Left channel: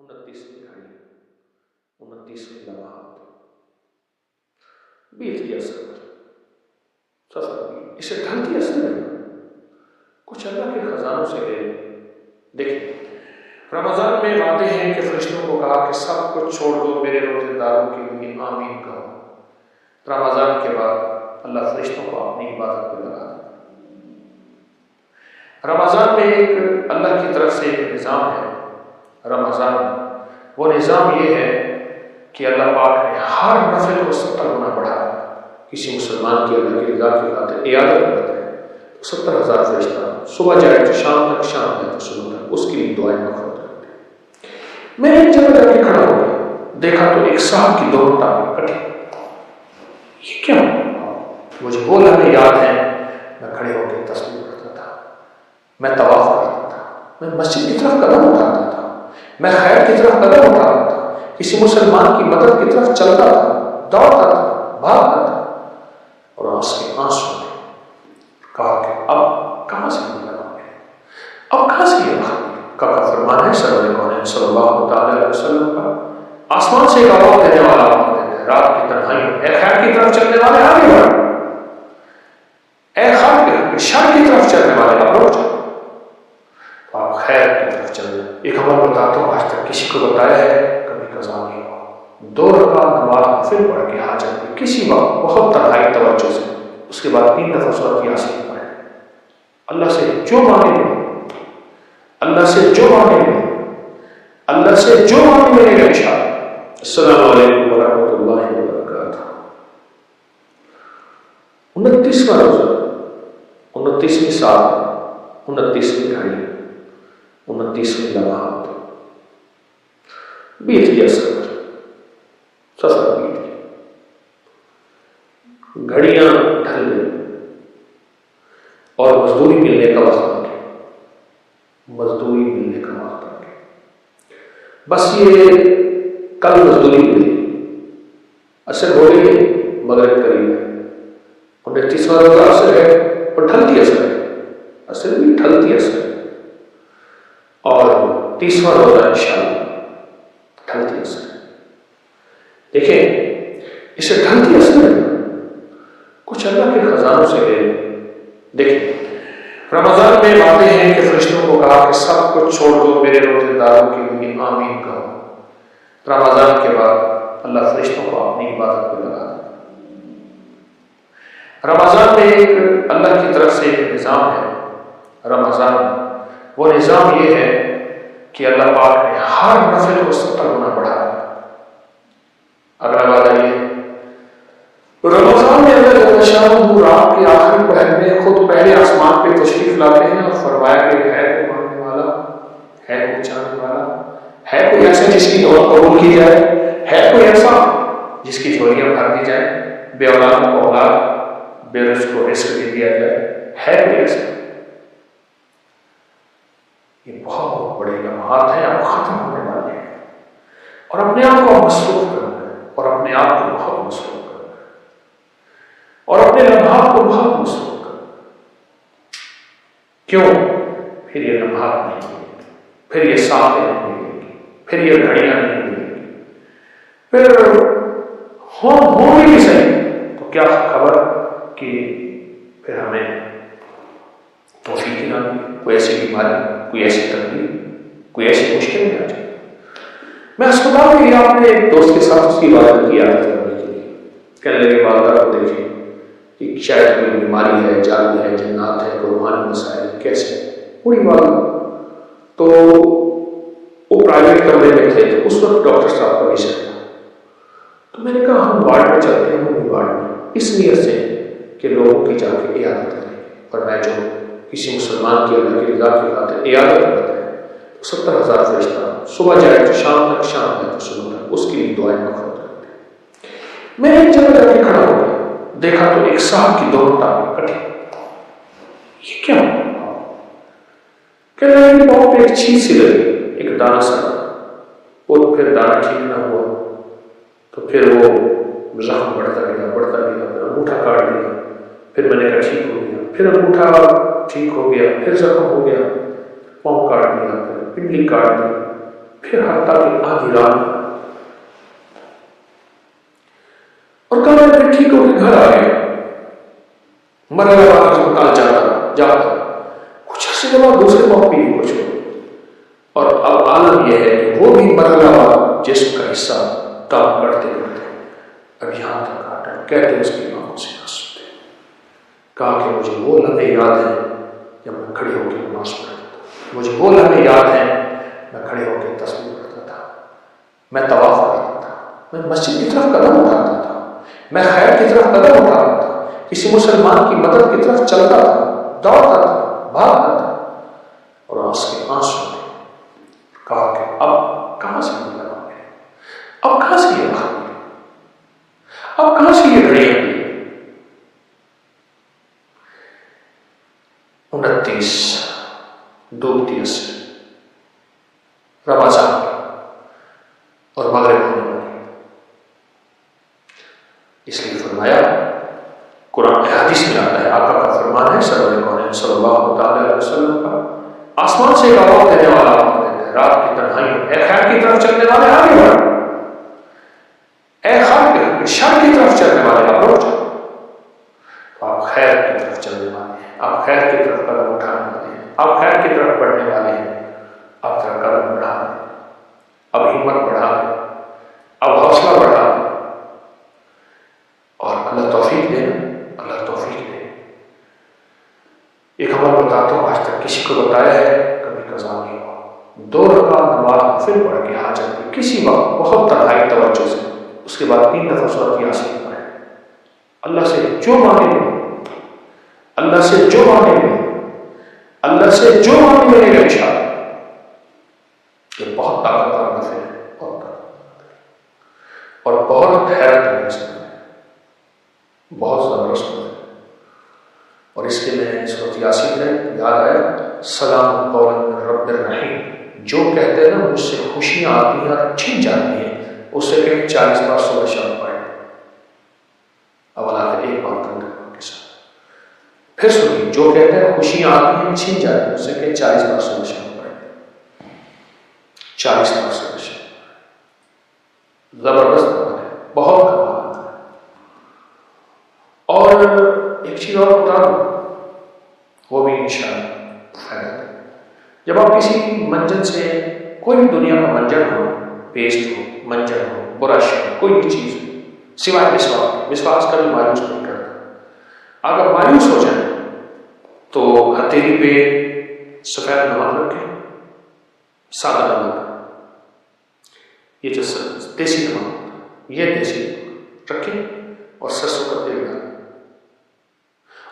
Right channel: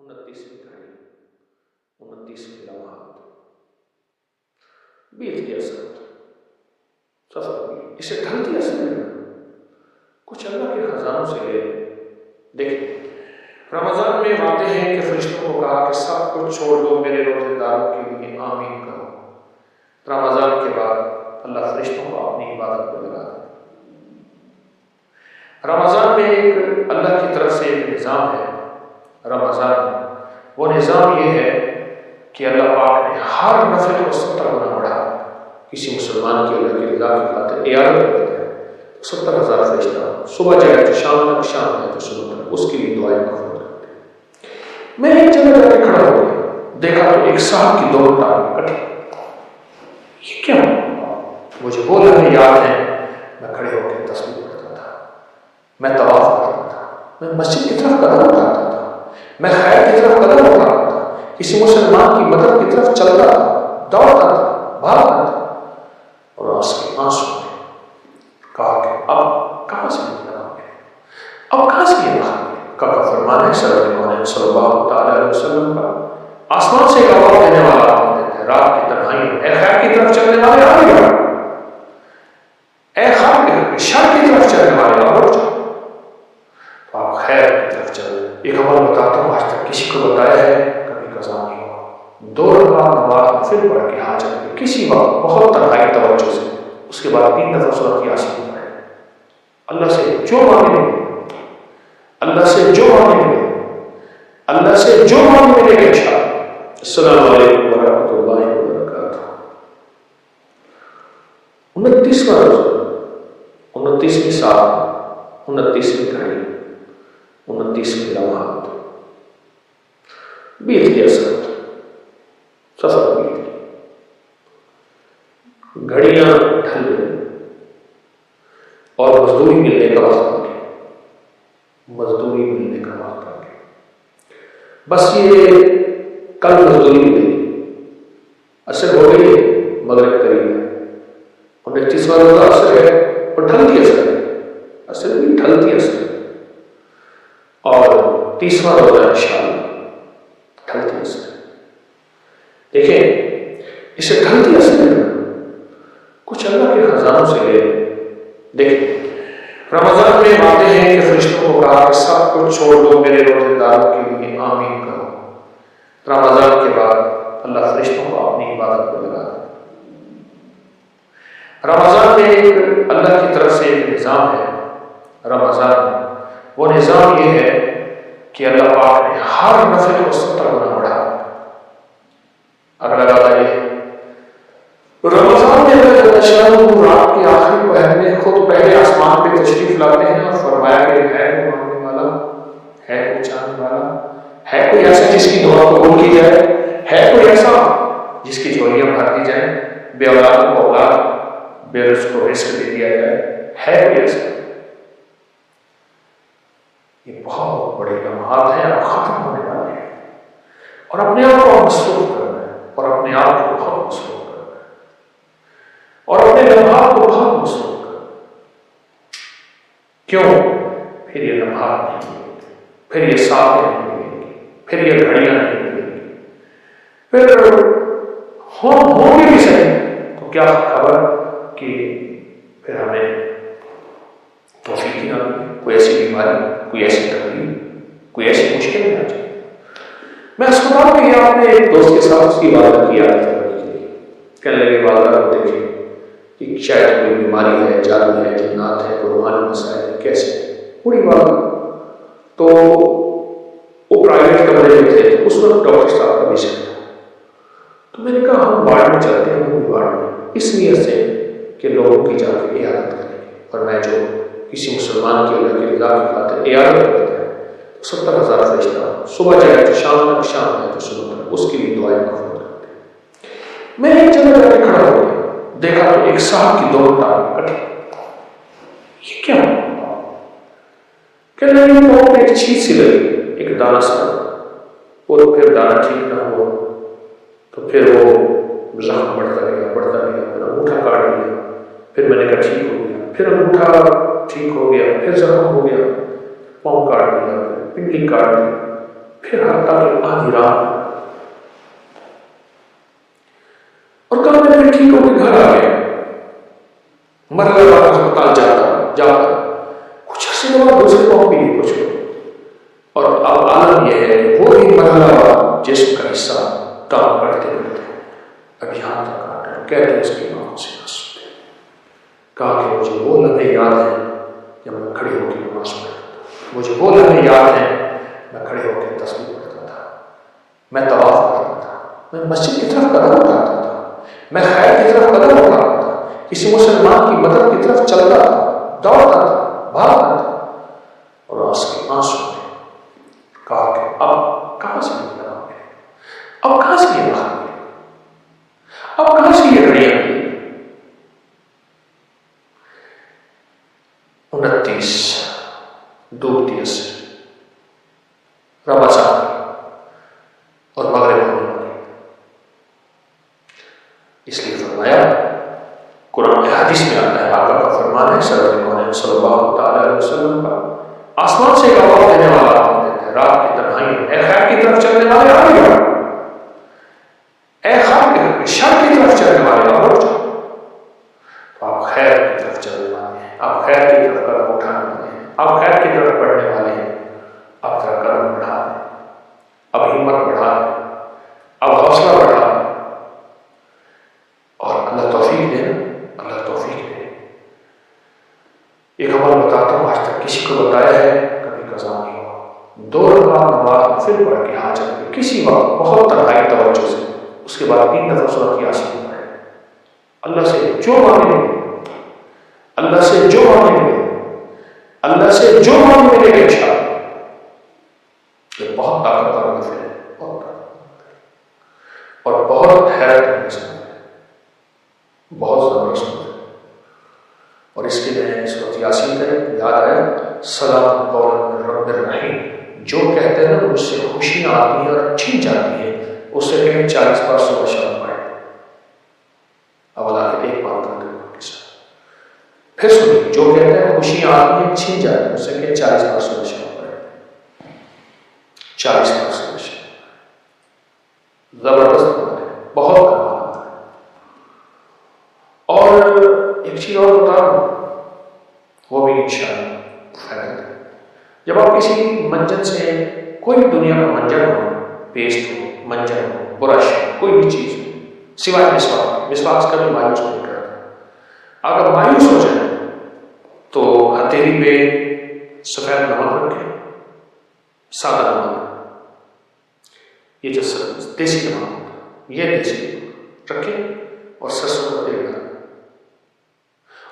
29ویں گھڑی، 29ویں لمحات، بیت گیا سفر بھی اسے ڈھلتی اصل میں کچھ اللہ کے خزانوں سے لے لیں۔ دیکھیں رمضان میں وعدے ہیں کہ فرشتوں کو کہا کہ سب کچھ چھوڑ دو میرے روزے داروں کے لیے آمین کہو۔ رمضان کے بعد اللہ فرشتوں کو اپنی عبادت کو لگا دے۔ رمضان میں ایک اللہ کی طرف سے ایک نظام ہے رمضان میں، وہ نظام یہ ہے کہ اللہ پاک نے ہر نفل کو 70 گنا بڑھا دیا۔ کسی مسلمان کی اللہ کی رضا کی خاطر عیادت کرتے ہیں تو 70,000 فرشتہ صبح جائے تو شام تک، شام جائے تو صبح تک اس کے لیے دعائیں مغفرت کرتے ہیں۔ میں ایک جگہ جا کے کھڑا ہو گیا، دیکھا تو ایک صاحب کی دونوں ٹانگیں کٹی۔ یہ کیا؟ مجھے وہ لمحے یاد ہیں میں کھڑے ہو کے تسبیح پڑھتا تھا، میں طواف کرتا تھا، میں مسجد کی طرف قدم اٹھاتا تھا، میں خیر کی طرف قدم اٹھاتا تھا، کسی مسلمان کی مدد کی طرف چلتا تھا، دوڑتا تھا، بھاگتا تھا، اور اس کے آنسو نے کہا کہ اب کہاں سے مجھے لگا ملے، اب کہاں سے یہ وقت ملے۔ کا فرمان ہے سرور کونین صلی اللہ تعالی علیہ وسلم کا، آسمان سے ایک آواز دینے والا آواز دیتا ہے رات کی تنہائیوں، اے خیر کی طرف چلنے والے آگے بڑھو، اے شر کی طرف چلنے والے اب رک جاؤ۔ تو آپ خیر کی طرف چلیں۔ ایک عمل بتاتا ہوں، آج تک کسی کو بتایا ہے، کبھی قضا نہیں ہوا۔ 2 رکعت نماز نفل پڑھ کے حاجت کی کسی وقت بہت تنہائی توجہ سے، اس کے بعد 3 دفعہ سورۃ یاسین پڑھیں، اللہ سے جو مانگے ملے، اللہ سے جو مانگے ملے، اللہ سے جو مانگے ملے گا انشاءاللہ۔ السلام علیکم ورحمۃ اللہ وبرکاتہ۔ 29واں روزہ، 29ویں سال، 29ویں گھڑی، 29ویں لمحات، بیت گیا سفر بیت گیا، گھڑیاں ڈھل گئی اور مزدوری ملنے کا وقت آ گیا، مزدوری ملنے کا وقت آ گیا۔ بس یہ کل مزدوری ملے گی، عصر ہو گئی ہے، مغرب قریب ہے، 29واں روزہ عصر ہے اور ڈھلتی عصر ہے، عصر بھی ڈھلتی عصر ہے، اور 30واں روزہ انشاءاللہ ڈھلتی عصر ہے۔ دیکھیں اسے ڈھلتی عصر میں کچھ اللہ کے خزانوں سے لے لیں۔ دیکھیں رمضان میں وعدے ہیں کہ فرشتوں کو کہا کہ سب کچھ چھوڑ دو میرے روزے داروں کے لیے آمین کہو۔ رمضان کے بعد اللہ فرشتوں کو اپنی عبادت کو لگا دے۔ رمضان میں ایک اللہ کی طرف سے ایک نظام ہے رمضان میں، وہ نظام یہ ہے کہ اللہ پاک نے ہر نفل کو 70 گنا بڑھا دیا۔ اگلا وعدہ یہ ہے رمضان میں اللہ جل شانہ رات کے آخری پہر میں خود پہلے آسمان پہ تشریف لاتے ہیں اور فرمایا کہ ہے کوئی مانگنے والا، ہے کوئی چاہنے والا، ہے کوئی ایسا جس کی دعا قبول کی جائے، ہے کوئی ایسا جس کی جھولیاں بھر دی جائیں، بے اولاد کو اولاد، بے رزق کو رزق دے دیا جائے، ہے کوئی ایسا۔ یہ بہت بڑے لمحات ہیں، اب ختم ہونے والے ہیں، اور اپنے آپ کو مصروف کرنا ہے، اور اپنے آپ کو بہت مصروف کرنا ہے، اور اپنے لمحات کو بہت مصروف کرنا ہے۔ کیوں؟ پھر یہ لمحات نہیں ملیں گے، پھر یہ ساتیں نہیں ملیں گی، پھر یہ گھڑیاں نہیں ملیں گی، پھر ہوں گے بھی صحیح تو کیا خبر کہ پھر ہمیں توفیق ہی نہ ملے، کوئی ایسی بیماری، کوئی ایسی تکلیف، کوئی ایسی مشکل میں آ جائے۔ میں اسپتال میں گیا اپنے ایک دوست کے ساتھ، اس کی والدہ کی عادت کرنے کے لیے، کہنے لگے والدہ کو دیکھیں کہ شاید کوئی بیماری ہے، جادو ہے، جنات ہے، کوئی روحانی مسائل ہے، کیسے بوڑھی والدہ۔ تو وہ پرائیویٹ کمرے میں تھے، تو اس وقت ڈاکٹر صاحب کا وزٹ تھا، تو میں نے کہا ہم وارڈ میں چلتے ہیں، ہم وارڈ میں اس نیت سے کہ لوگوں کی جا کے عیادت کریں، اور میں جو کسی مسلمان کی اللہ کی رضا کی خاطر عیادت کرتے ہیں تو 70,000 فرشتہ صبح جائے تو شام تک، شام جائے تو صبح تک اس کے لیے دعائیں مغفرت کرتے ہیں۔ میں ایک جگہ جا کے کھڑا ہو گیا، دیکھا تو ایک صاحب کی دونوں ٹانگیں کٹی۔ یہ کیا؟ کہنے لگے پاؤں پہ ایک چیز سی لگی، ایک دانہ سا، اور پھر دانہ ٹھیک نہ ہوا تو پھر وہ زخم بڑھتا گیا، بڑھتا گیا، پھر انگوٹھا کاٹ دیا، پھر میں نے کہا ٹھیک ہو گیا، پھر انگوٹھا ٹھیک ہو گیا، پھر زخم ہو گیا، پاؤں کاٹ دیا، پھر پنڈلی کاٹ دی، پھر حتیٰ کہ آدھی رات اور کل میں پھر ٹھیک ہو کے گھر آ گیا. مرحلہ بعد ہسپتال جاتا کچھ عرصے کے بعد دوسرے پاؤں پہ ہی کچھ ہو. اور اب عالم یہ ہے کہ وہ بھی مرحلہ بعد جسم کا حصہ کام کرتے کرتے اب یہاں تک آتا ہے. کہتے اس کی آنکھوں سے آنسو تھے. کہا کہ مجھے وہ لمحے یاد ہیں جب میں کھڑے ہو کے نماز پڑھتا تھا. مجھے وہ لمحے یاد ہیں میں کھڑے ہو کے تسبیح پڑھتا تھا. میں طواف کرتا تھا. میں مسجد کی طرف قدم اٹھاتا تھا. میں خیر کی طرف قدم اٹھاتا تھا. کسی مسلمان کی مدد کی طرف چلتا تھا, دوڑتا تھا, بھاگتا تھا. اور اس کے آنسو تھے. کہا کہ اب کہاں سے یہ لگا گیا, اب کہاں سے یہ وقت ملا, اب کہاں سے یہ گھڑیاں ملی. 29 ڈوبتی عصر رمضان اور مغرب ہونے والی. اس لیے فرمایا, قرآن حدیث میں آتا ہے, آقا کا فرمان ہے سرور کونین صلی اللہ تعالی علیہ وسلم کا, آسمان سے ایک آواز دینے والا آواز دیتا ہے رات کی تنہائی میں, اے خیر کی طرف چلنے والے آگے بڑھو, اے شر کی طرف چلنے والے اب رک جاؤ. تو آپ خیر کی طرف چلنے والے ہیں, آپ خیر کی طرف قدم اٹھانے والے ہیں, آپ خیر کی طرف بڑھنے والے ہیں. اب ذرا قدم بڑھا دیں, اب ہمت بڑھا دیں, اب حوصلہ بڑھا دیں, اور اللہ توفیق دے نا, اللہ توفیق دے. ایک عمل بتاتا ہوں, آج تک کسی کو بتایا ہے, کبھی قضا نہیں ہوا. 2 رکعت نماز نفل پڑھ کے حاجت میں کسی وقت بہت تنہائی توجہ سے, اس کے بعد 3 دفعہ سورۃ یاسین پڑھے. اللہ سے جو مانگے ملے, اللہ سے جو مانگے ملے, اللہ سے جو مانگے ملے گا انشاءاللہ. یہ بہت طاقتور نفل ہے, بہت طاقتور اور بہت حیرت انگیز نفل ہے, بہت زبردست نفل. اور اس کے میں سورۃ یاسین کا یاد آیا, سلام قولا من رب الرحیم. جو کہتے ہیں نا مجھ سے خوشیاں آتی ہیں اور چھن جاتی ہیں, اس سے کہیں 40 بار صبح شام پڑھیں. اب اللہ کے ایک بار تم کے ساتھ پھر سنیے, جو کہتے ہیں خوشیاں آتی ہیں چھن جاتی ہیں, اس سے کہیں 40 بار صبح شام پڑھیں. 40 بار صبح شام. زبردست عمل ہے, بہت کمال عمل ہے. اور ایک چیز اور بتا دوں, وہ بھی انشاءاللہ فائدہ دے. جب آپ کسی منجن سے, کوئی بھی دنیا کا منجن ہو, پیسٹ ہو, منجن ہو, برش ہو, کوئی بھی چیز ہو, سوائے مسواک, مسواک کبھی مایوس نہیں کرتا. اگر مایوس ہو جائے تو ہتھیلی پہ سفید نمک رکھے, سادہ نمک, یہ جو دیسی نمک ہوتا ہے, یہ دیسی نمک رکھے, اور سرسوں کا تیل ڈالیں,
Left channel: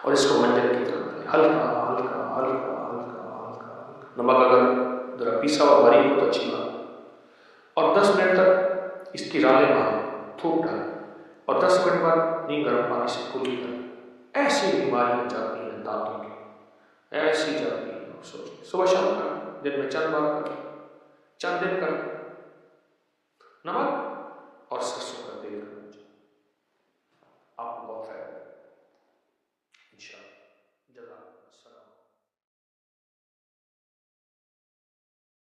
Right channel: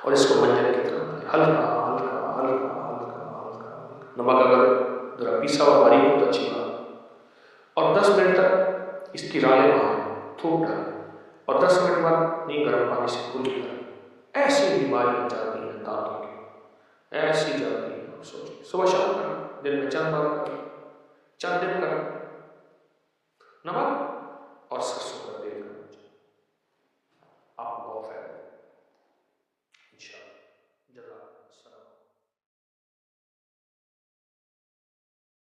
اور اس کو منجن کی طرح ڈالیں, ہلکا ہلکا ہلکا ہلکا ہلکا ہلکا. نمک اگر ذرا پیسا ہوا باریک ہو تو اچھی بات. اور 10 منٹ تک اس کی رالیں ماریں, تھوک ڈالیں, اور 10 منٹ بعد نہیں گرم پانی سے کلی کریں. ایسی بیماریاں جاتی ہیں دانتوں کی, ایسی جاتی ہیں. آپ سوچیں, صبح شام کریں, دن میں چند بار کریں, چند دن کریں, نمک اور سرسوں کا تیل کرنا چاہیے, آپ کو بہت فائدہ ہے.